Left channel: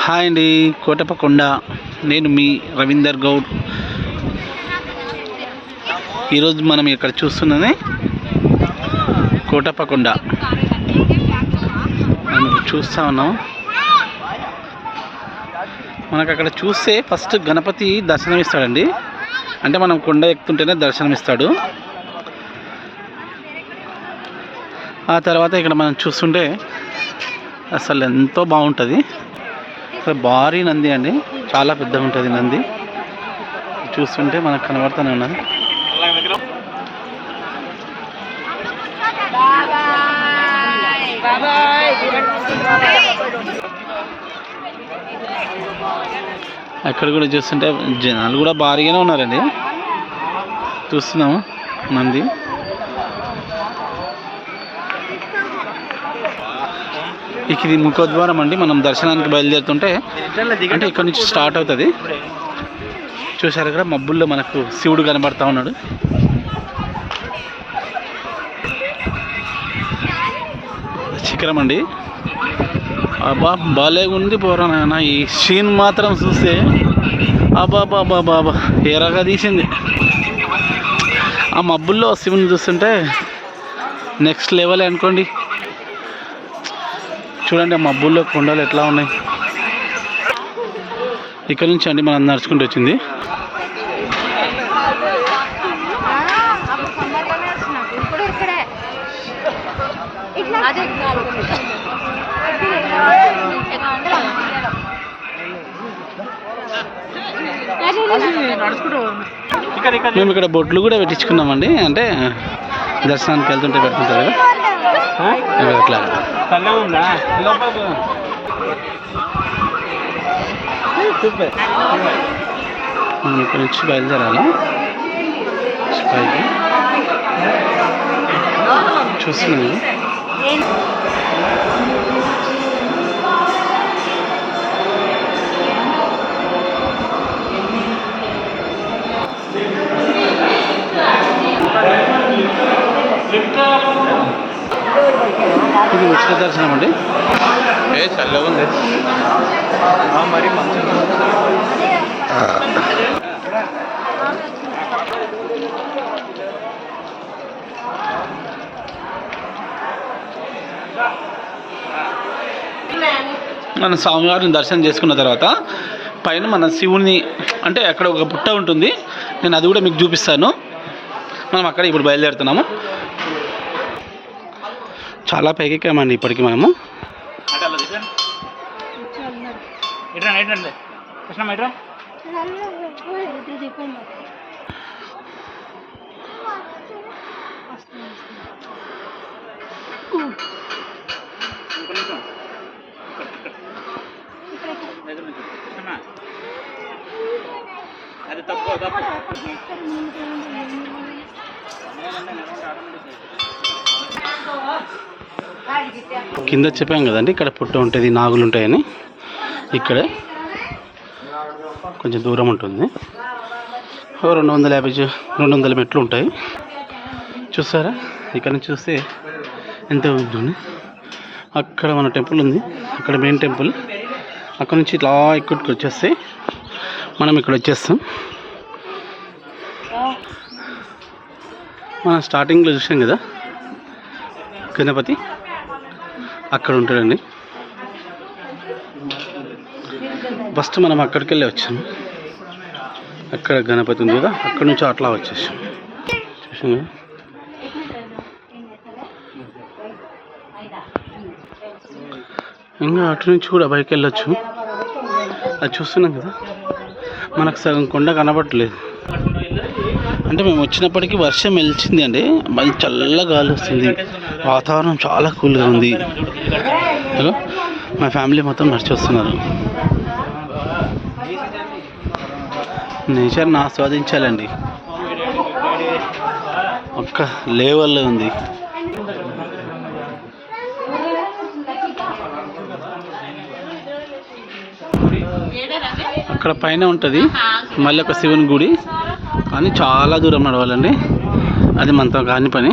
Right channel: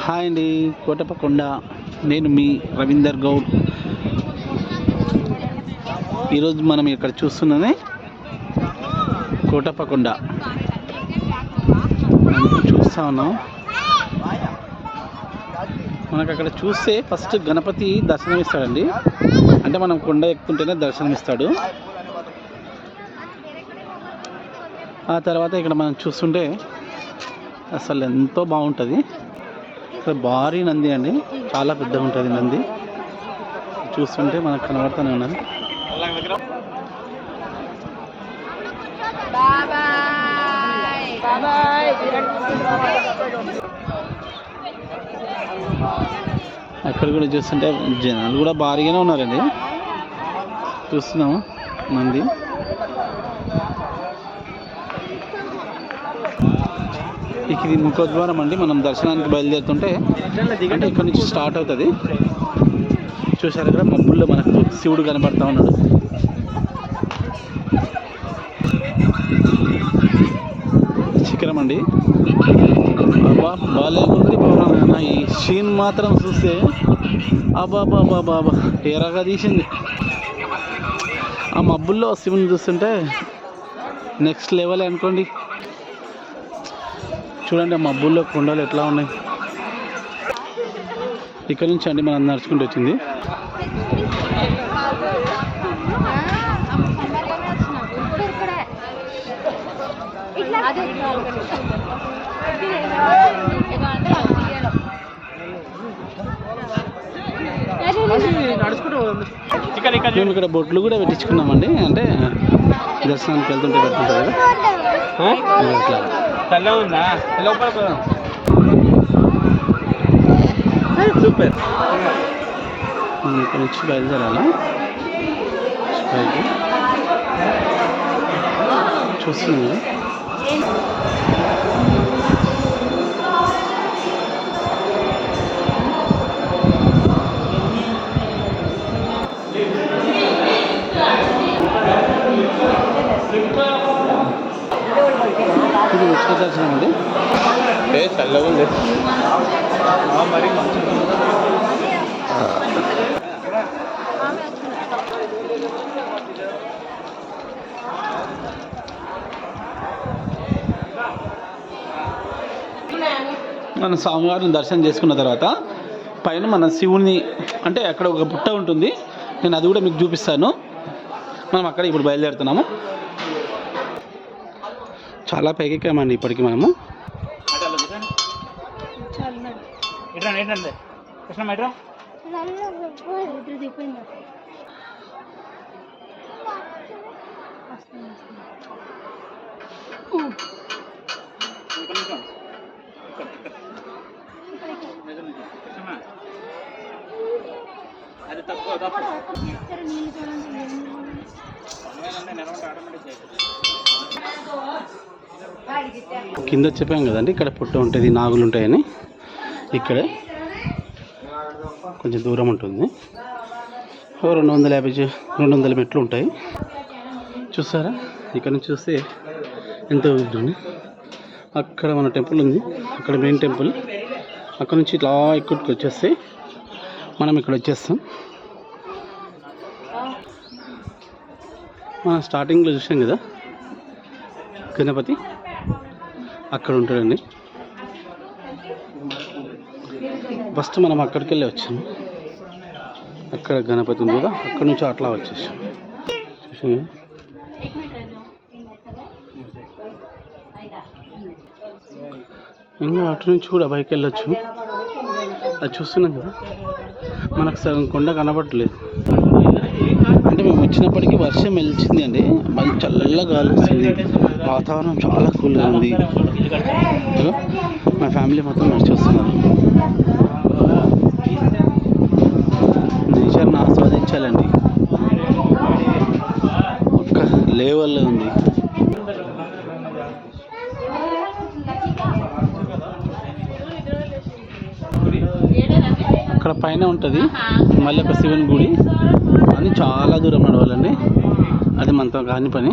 Hi అండి, కోటప్పకొండ. నేను మీ రవీందర్ గౌడ్. ఈరోజు మనం ఇక్కడ చూస్తున్నది కోటప్పకొండ. మనం చూస్తూ ఉన్నాం. మనకు అక్కడ చూస్తే ఫస్ట్ గణపతి దర్శనం ఇస్తాడండి. అంటే మనం కొండ ఎక్కుతుంటేనే దర్శనం ఇస్తాడు. ఆ తర్వాత ఇక్కడ మనం చూస్తుంటే అసలు ఎంతో బాగుంటుంది. ఇక్కడ భారీ నంది అండి, చాలా పెద్దగా ఉంటుంది నంది. చూస్తుంటే మనకు కనబడుతూనే ఉన్నది. అక్కడ కూడా చూస్తుంటే జనాలు కూడా భారీగానే ఉన్నారండి. చూస్తున్నాము నంది. ఇది ముఖద్వారం అండి. మనం దర్శనానికి బయలుదేరుతుంటే అంటే ఇక్కడ నుంచి స్టార్ట్ అవుతుంది. చూసారు ఇక్కడ మబ్బుల్లో మనకు శివుడు కనబడతా ఉన్నాడు. శిఖరం అండి. అబ్బా బాలే ఉంది పోరానా. ఈ సీన్ మాత్రం చూస్తే అబ్బా బాబా బాబా ఎరగా తీసింది. ఆ మబ్బుల్లో శివుని చూస్తుంటే నెక్స్ట్ లెవెల్ అనుకోండి. చూడండి ఆ మబ్బుల్లో కొండలు ఎట్లా ఉన్నాయి. ఇక్కడ నుంచి అండి మనం నడుచుకుంటూ వచ్చింది. మేము ఇక్కడ బొట్లు కూడా పెట్టించుకున్నామండి. అంటే దర్శనానికి వెళ్తుంటే పెడుతుంటారు కదా అట్లా. మనం ఇక్కడ నుంచి బయలుదేరాలి. చూస్తున్నాను ఇది ఉచిత దర్శనం అండి. చల్లగా ఉంది మరి. మన స్వామివారిని దర్శనం చేసుకున్న తర్వాత పైన మన శివుని అంటే అక్కడ ఒక పుట్ట ఉంటుంది. నేను అది కూడా మీకు చూపిస్తాను. మనం అక్కడ ఇప్పుడు బయలుదేరుతున్నాము. చాలా పైకి ఎక్కామండి ఇప్పటికి మనము. కింద చెప్పాం కదండి ఇక్కడ పుట్ట ఉంటుంది, నాగులు ఉంటాయని. ఇక్కడే కొంచెం దూరం ఉంటుంది. 200 మెట్లు ఉంటాయి. చూసారా ఇక్కడ నుంచి చూస్తే ఎంత ఉంటుంది. అక్కడ మన టెంపుల్ ఉంది, అక్కడ మెయిన్ టెంపుల్. అక్కడ నుంచి ఇట్లా ఇక్కడికి వచ్చేస్తే మనం ఇక్కడ వచ్చేస్తాం. మనం స్టార్టింగ్లో చూసాం కదా గణపతి, అక్కడ ఉంటాడండి. ఫస్ట్ మనం అక్కడికి వెళ్ళి వచ్చాము. అక్కడ గణపతి ఉంది కదా, అక్కడ నుంచి అట్లా వచ్చేసాం. చూసాం కదా. ఇంకా అటు నుంచి కూడా బైక్ వెళ్ళొచ్చు. అది చూస్తున్నాం కదా, మనకు సగం కొండ కనబడట్లేదు. అంటే మేము వచ్చినప్పటికీ వర్షం వెలిచింది అండి. మంచి చల్లగా గాలి వస్తుంది. వాతావరణం చాలా కూల్గా ఉంది. మా ఫ్యామిలీ మొత్తం నడిచి వస్తున్నారు. నేచర్ని ఆస్వాదించాలండి. ఒక్క లెవెల్లో ఉంది. అక్కడ పైన ఉంటుంది మళ్ళీ ఒక శివుని గుడి. అని చాలా దూరం నడవాలండి. అది మనతో కాని పని.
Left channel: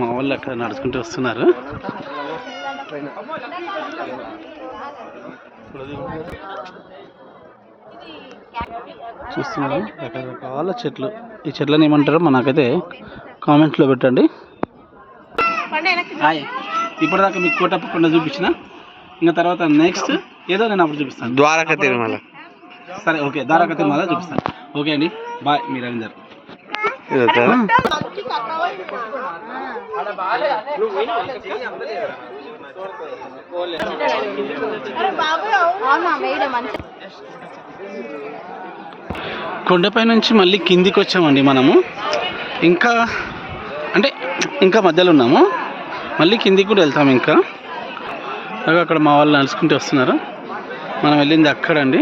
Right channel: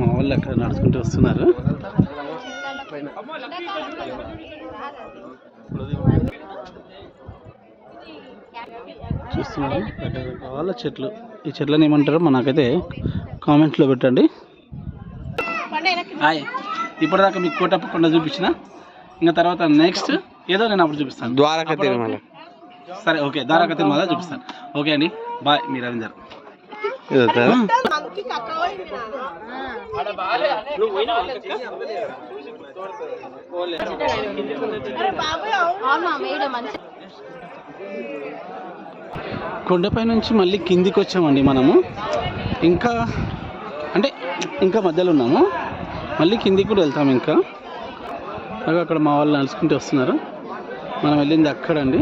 మా వాళ్ళు అక్కడ నడుచుకుంటూ వస్తున్నారు. చూస్తున్నారు రకరకాల చెట్లు. ఈ చెట్లను ఏమంటారో మనకైతే కామెంట్లో పెట్టండి. హాయ్, ఇప్పటిదాకా మీకు కోటప్ప కొండ చూపించిన, ఇంకా తర్వాత నెక్స్ట్ ఏదో నేను అప్పుడు చూపిస్తాను. ద్వారకా తిరుమల. సరే, ఓకే, ద్వారకా తిరుమల చూపిస్తాను. ఓకే అండి, బాయ్. మీ రవీందర్. కొండపై నుంచి మళ్ళీ కిందికి వచ్చామండి మనము. ఇంకా మధ్యలో ఉన్నాము. మళ్ళీ కిందికి కూడా వెళ్తాము. ఇంకా అక్కడ మా వాళ్ళు నడుచుకుంటూ వస్తున్నారు. మనం వెళ్ళింది అక్కడండి.